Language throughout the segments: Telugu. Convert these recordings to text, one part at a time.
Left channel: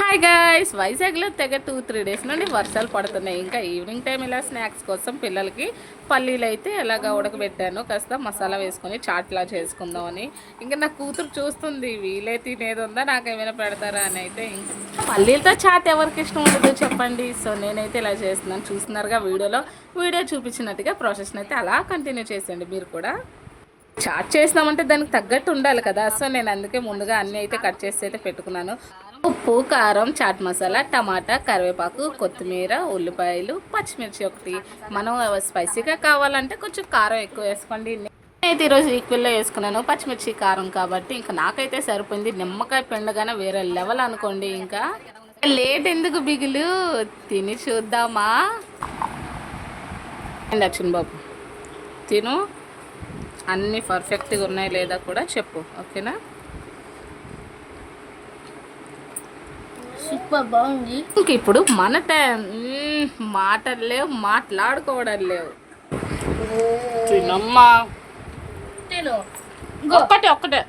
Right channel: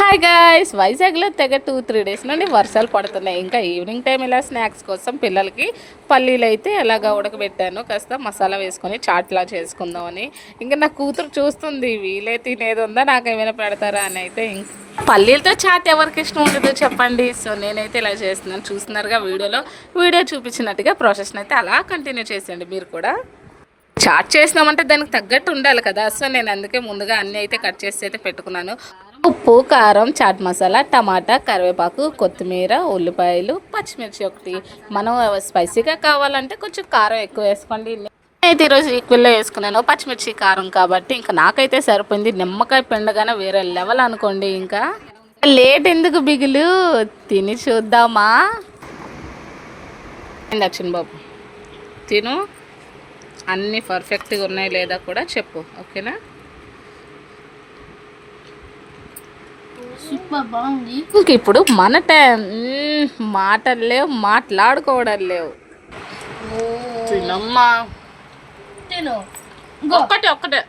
హాయ్ గాయస్ వైజాగ్లో తెగ టూ త్రీ డేస్ నుండి వర్షాలు పడుతున్నాయి. ఇంకా ఈవినింగ్ టైం ఇలా స్నాక్స్ కోసం పిల్లలకి పల్లీలు అయితే ఎలాగా ఉడకబెట్టాను కాస్త మసాలా వేసుకొని చాట్లా చేసుకుందామని. ఇంకా నా కూతురు చూస్తుంది వీలే తినేది ఉందా నాకు ఏమైనా పెడతారా అని అయితే ఇంకా పల్లీలతో చాట్ ఎవరికి ఇష్టం ఉండదు చెప్పండి. సో నేనైతే ఇలా చేస్తున్నాను. చూస్తున్నారుగా వీడియోలో. వీడియో చూపించినట్టుగా ప్రాసెస్ని అయితే అలా కంటిన్యూ చేసేయండి మీరు కూడా. చాట్ చేసినామంటే దానికి తగ్గట్టు ఉండాలి కదా. సో నేను అందుకే ముందుగా అన్నీ అయితే కట్ చేసి అయితే పెట్టుకున్నాను. ఉప్పు కారం చాట్ మసాలా టమాటా కరివేపాకు కొత్తిమీర ఉల్లిపాయలు పచ్చిమిర్చి ఒకటి. మనం స్పైసీగా కావాలంటే కొంచెం కారం ఎక్కువ వేసుకోండి. అయితే ఈరోజు ఈక్వల్లో వేసుకున్నాను. పచ్చిమిర్చి కారం కాబట్టి ఇంకా నాకైతే సరిపోయింది. నిమ్మకాయ పిండగానే వేరే లెవెల్ అనుకోండి ఇంకా. లేట్ ఎందుకు బిగులు? తిని చూద్దామా? దక్షిణ బాబు? తిను. అన్నీ పర్ఫెక్ట్గా ఉన్నాయి లేదా కూడా చెప్పు. ఓకేనా? సూపర్ బాగుంది. ఇంక ఇప్పుడు మన టైం. మాటలు లేవు మాట్లాడుకోవడం లేవు. తినమ్మా. తిను. ఒక్కటే ఒక్కటే.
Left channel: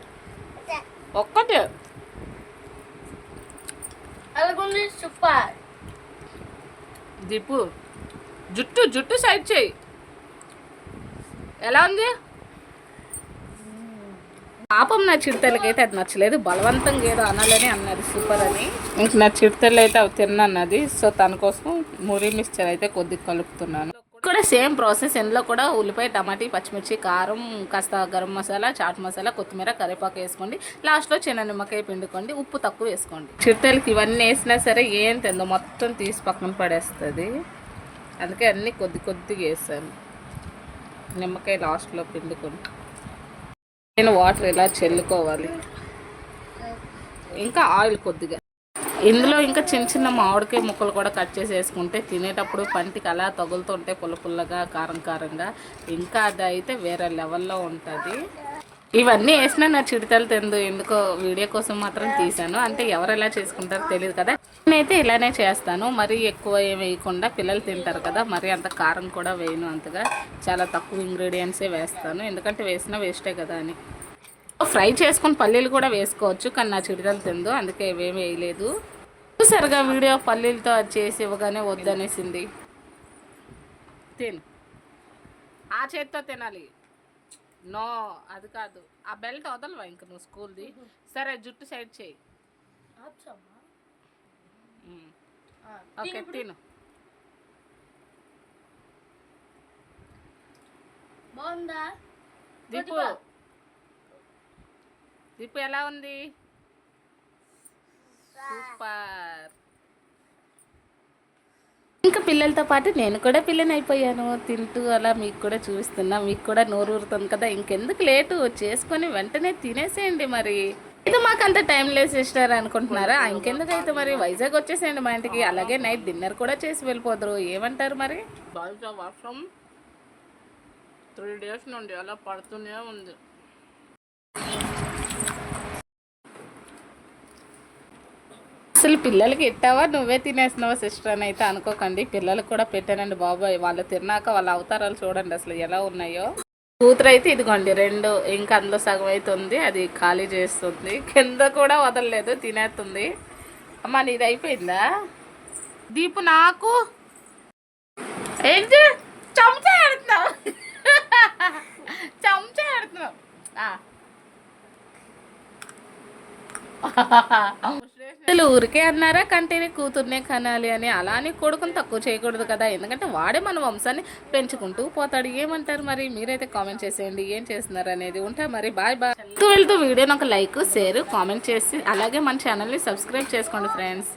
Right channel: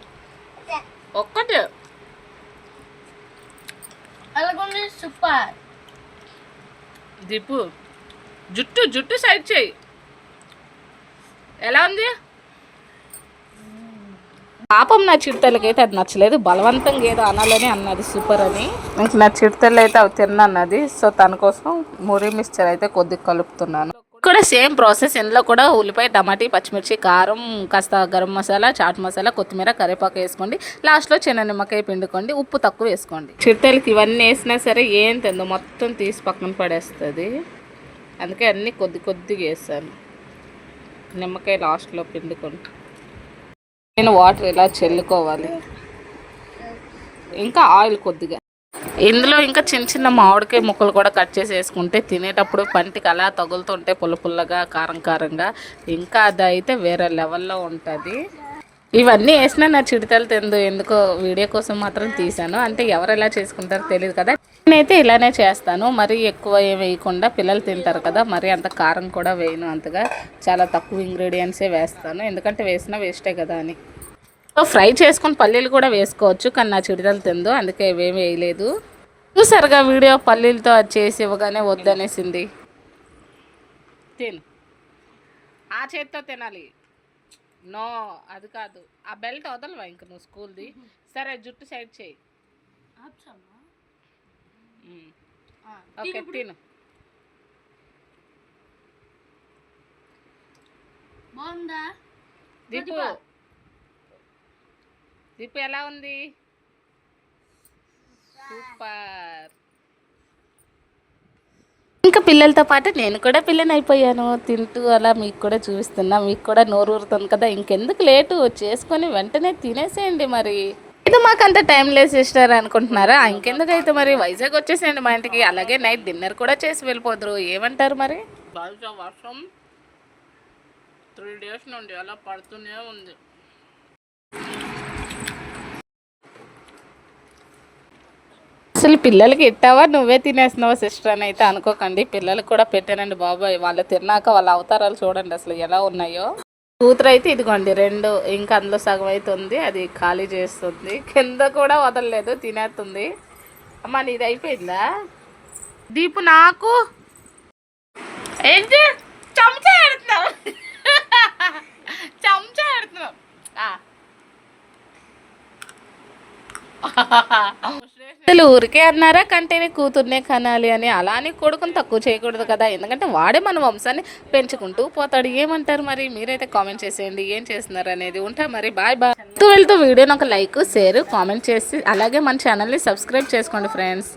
ఒక్కటే. సూపర్. దీపు జుట్టు జుట్టు సైడ్ చేయి. ఎలా ఉంది? పాపం నా చిడతలకైతే అది నచ్చలేదు. బలవంతంగా ఏదో అనాలని అన్నది సూపర్ అని. ఇంక నా చిడతలు అయితే అవి తిన్నది సో తన కోసం మురి మిక్చర్ అయితే కొద్దిగా కలుపుతున్నాను. కూడా సేమ్ ప్రాసెస్. ఇందులో కూడా ఉల్లిపాయ టమాటీ పచ్చిమిర్చి కారం కాస్త గరం మసాలా చాట్ మసాలా కొత్తిమీర కరివేపాకు వేసుకోండి. లాస్ట్లో చిన్న నిమ్మకాయ పిండుకోండి. ఉప్పు తక్కువ వేసుకోండి. చిట్టలకి ఇవన్నీ వేసినా సరే ఏం తిందో మొత్తం తీసి పక్కన పడేస్తుంది. అందుకే అన్నీ కొద్ది కొద్దిగా వేసాను. నిమ్మకాయ లాస్ట్లో పిండుకొని. నేను వాటర్ ఇలా చల్లుకోవాలి? ఇంకా ఆయిల్ కొద్దిగా. ఇందులో ఇంకా చిన్న చిన్న మామిడికాయ ముక్కలు కూడా కట్ చేసి వేసుకుంటే తినేటప్పుడు పంటికి అలా తగులుతుంటే పుల్ల పుల్లగా కారం కారంగా ఇంకా అది అయితే వేరే లెవెల్లో ఉంటుంది. ఇవన్నీ వేసినా నా చిడితలు తిందు. ఎందుకో వీడియో కోసం మాత్రం తీశాను. అంటే ఎవరు ఎలా చేసుకుంటారో తెలియదు కదా. నేనైతే ఇలానే చేస్తాను. మరీ ఎక్కువ ఏం వేయకుండా పిల్లలు తింటారు కదా మరీ అంత కారం కూడా వేయను అంతగా. చాలా తక్కువ ఇంగ్రీడియంట్సే వేస్తాను. ఎందుకంటే వేసినా వేస్టే కదా అని. సో ఫ్రై చేసుకొని పల్లీలు కూడా వేసుకోవచ్చు కానీ నా చిడిదలు తిందు అందుకే ఇవేం వేయలేదు. చూసారుగా వీడియో పల్లీలతో అది చేసి ఇవ్వగానే వద్దనేసింది. తిను. ఆ చేతితో తినాలి. నో అది కాదు. ఆ బెల్ట్ వదలవా ఇంక నువ్వు స్కూల్ది? సరే జుట్టు సైడ్ చేయి. ఓకే తిను బాగుందా? దీపు. దీపు ఎలా ఉంది? సూపర్. ఇంకా పిల్లలతో పాటు నేను కూడా పిల్లని అయిపోయాను. తింటూ అలా మీకు కూడా చూస్తున్నా మీకు కూడా నోరు ఊరుతుంది కదా. ఇంకెందుకు లేటు? చేసుకొని వెంటనే తినేసేయండి మరి. ఇది మాకు అంత టైం లేదు సిస్టర్ అనుకుంటున్నారా? ఇంకెందుకు అయితే మరి వైజాగ్ వచ్చేసేయండి మా ఇంటికి. అలాగే నైట్ డిన్నర్ కూడా చేసి వెళ్ళిపోదురు. ఏమంటారు మరి? బయట వర్షం త్రీ డేస్ నుండి అలా పడుతూనే ఉంది. అసలు పిల్లలకి ఇట్టావా? నువ్వే తినేస్తున్నావా సిస్టర్ అని అయితే అనుకోకండి. పిల్లలకు కూడా పెట్టానండి బాబాయ్. వాళ్ళు తిన్నాక వాళ్ళ అవతారాలు చూడండి అసలు ఎలా ఉన్నాయో. కూతురు అయితే ఇదిగోండి రెండు ఇంకా అందులో సగం అవుతుంది అది ఖాళీ చేస్తుంది. కింద కూడా వదలలేదు తినేస్తుంది. అమ్మ నీది అయిపోయిందా? దీపు నాకు? ఏంటి? చెంచా ఆడుతున్నావు. చెంచా ఆడుతున్నావు. అసలు ఊరికే అన్నారా కంటేనే కూతుర్నే కనాలి అని? అలా అని కొడుకుని తక్కువ చేయకూడదు కదా. ఎందుకంటే వాడే మన వంశాన్ని పెంచుకుంటూ పోతాడు. ఏమంటారు మరి? మీరైతే కామెంట్ చేసేయండి. ఏం చేస్తున్నారు అనేది ఉంటా మరి. బాయ్ బాయ్ వెళ్తూ వెళ్తూ వీడియోని ఒక లైక్ షేర్ కామెంట్ చేసి అలాగే మన ఛానల్ని సబ్స్క్రైబ్ చేసుకోండి ఫ్రెండ్స్